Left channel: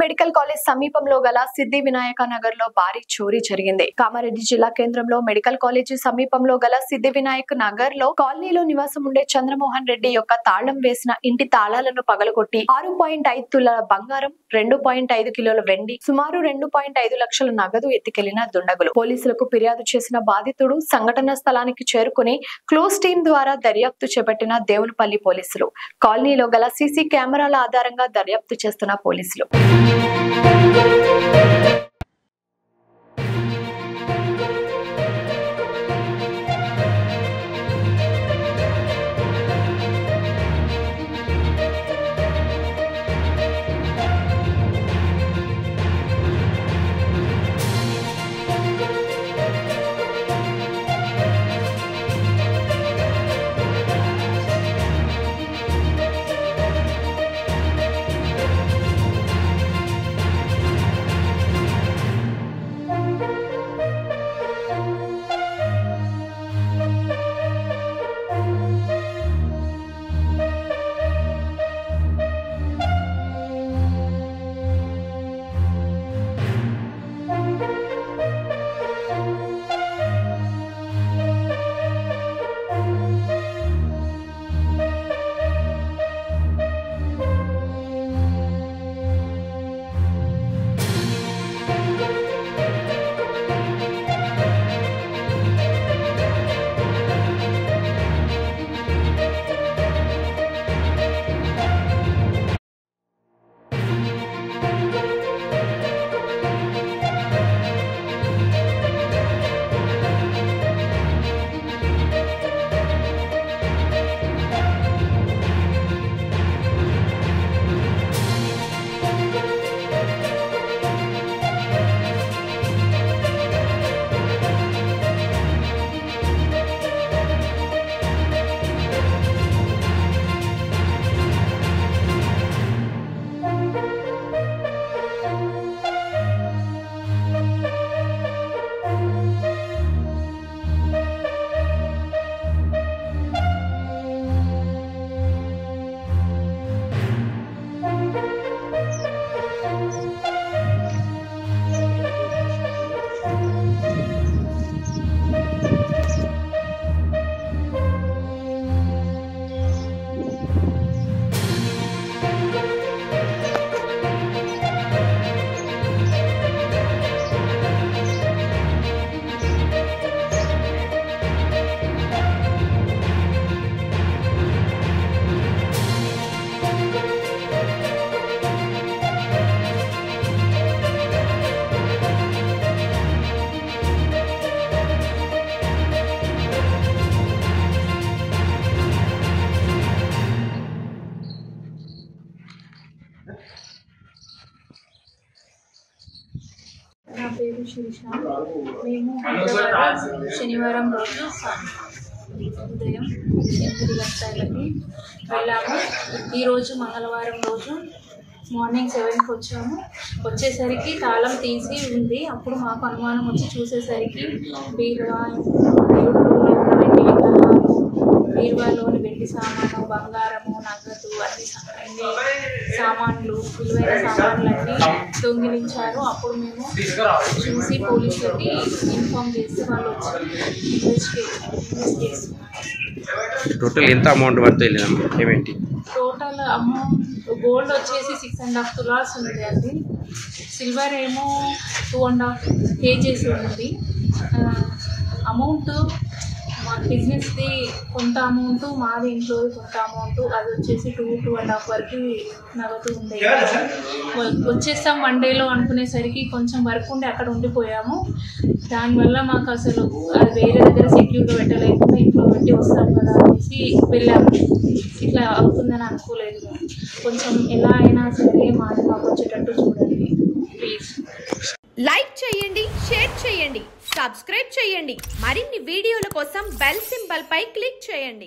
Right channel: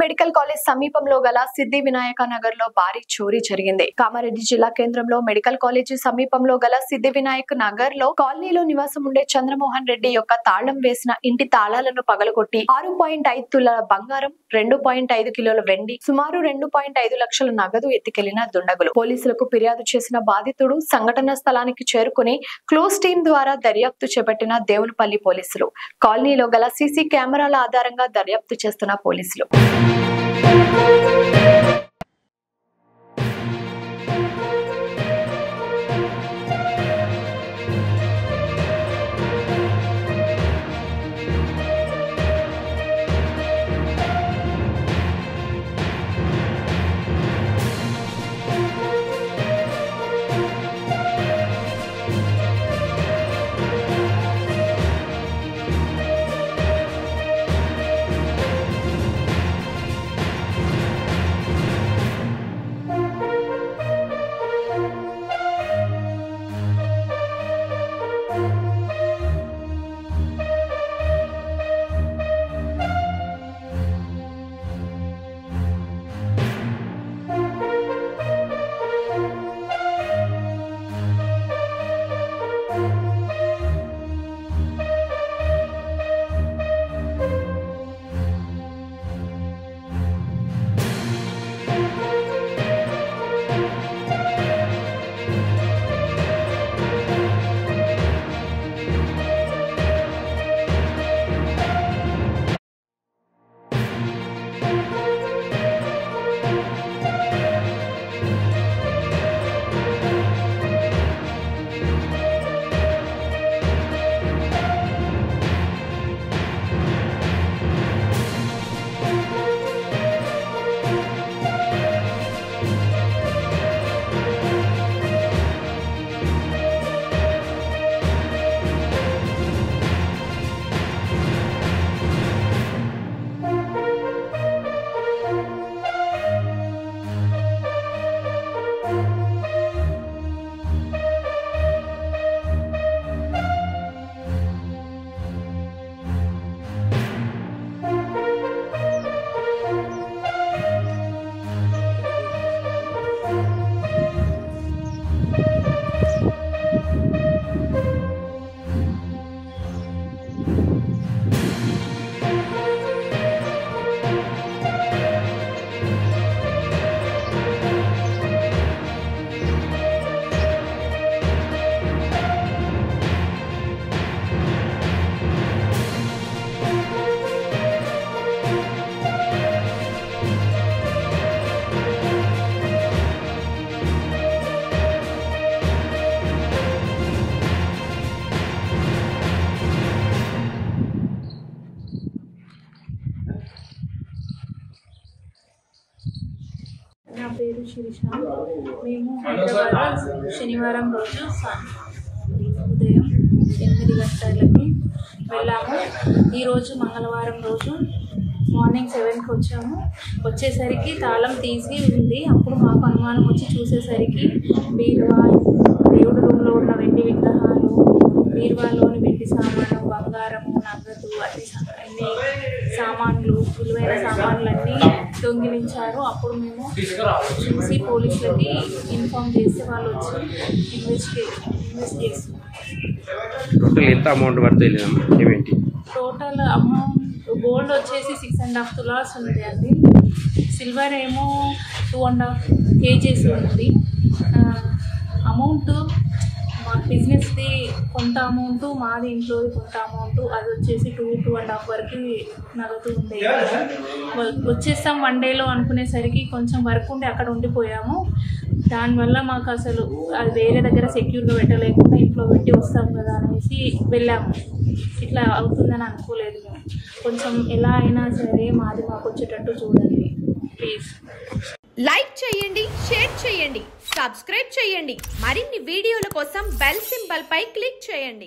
Medical college సమీపంలో గల సిద్ధి వినాయక నగర్ లో భారీ చోరీ జరిగింది. కామారెడ్డి జిల్లా కేంద్రంలో మెడికల్ కాలేజీ సమీపంలో గల సిద్ధి వినాయక్ నగర్ లో కాలనీలో నివాసం ఉండే చంద్రమోహన్ రెడ్డి యొక్క తాళం వేసిన ఇంటి తాళాలను పగలగొట్టి 6.5 తులాల బంగారం, 2.5 కిలోల వెండి, సుమారు 2.5 లక్షల నగదు ఎత్తికెళ్లిన దుండగులు. పోలీసులకు ఫిర్యాదు చేసిన బాధితుడు సంఘటన స్థలానికి చేరుకుని క్లోజ్ టీం ద్వారా దర్యాప్తు చేపట్టిన దేవులపల్లి పోలీసులు. కాలనీలో గల సీసీ కెమెరాల ఆధారంగా దర్యాప్తు చేస్తున్న పోలీసులు. నా పేరు శిరీష. మేము శనివారం రోజు ఉదయం 8 గంటలకి వెళ్ళాము. ఈరోజు మంగళవారం రోజు మార్నింగ్ 7కి వచ్చాము. వచ్చేసరికి తాళం తీసి ఉంది. అప్పుడు మాకు అనుమానం వచ్చి చూసేసరికి బీరువా, దేవుడి రూమ్లో ఉన్న వెండి విగ్రహాలు, బీరువాలోని వెండి సామాను, బంగారము, నగదు, అన్ని సామాన్లు, విలువైన సామాన్లన్నీ దొంగిలించారు. అప్పుడు మేము చూసి పోలీసులకి ఇన్ఫార్మ్ చేసి వాళ్ళు వచ్చి ఇన్వెస్ట్ చేస్తున్నారు. టోటల్ ఎంత అమౌంట్ వరకు వెళ్ళినాము? ఏమేంటి టోటల్ అమౌంట్? గోల్డ్ వచ్చేసి 6.5 తులాస్ ఉంది అండి. సిల్వర్ ఏమో 2.5 kgs ఉంది. అమౌంట్ మా బిజినెస్ది కొంత అమౌంట్, మాది ఇంట్లోది కొంత అమౌంట్, అది వచ్చేసి 2.5 వరకు నగదు ఉంది. వచ్చేస్తాం 1 డేలో అనుకునేసరికి కొంచెం వర్క్ ఉండి అక్కడ ఉండిపోయాము. దానివల్ల మాకు అసలు అది వేరే దగ్గర సెక్యూర్గా పెట్టలేకుండా ఇంట్లో పెట్టి వస్తాం కదా అనేసి వెళ్ళాము. ఇట్లా అవుతుందని అనుకోలేదు. కొంచెం ఎలా అయినా సరే మాది మాకు వచ్చేటట్టు చూడండి ప్లీజ్. లైక్ చేయండి, షేర్ చేయండి, సబ్స్క్రైబ్ చేయండి. మరిన్ని వీడియోల కోసం బెల్ సింబల్ పై క్లిక్ చేయండి.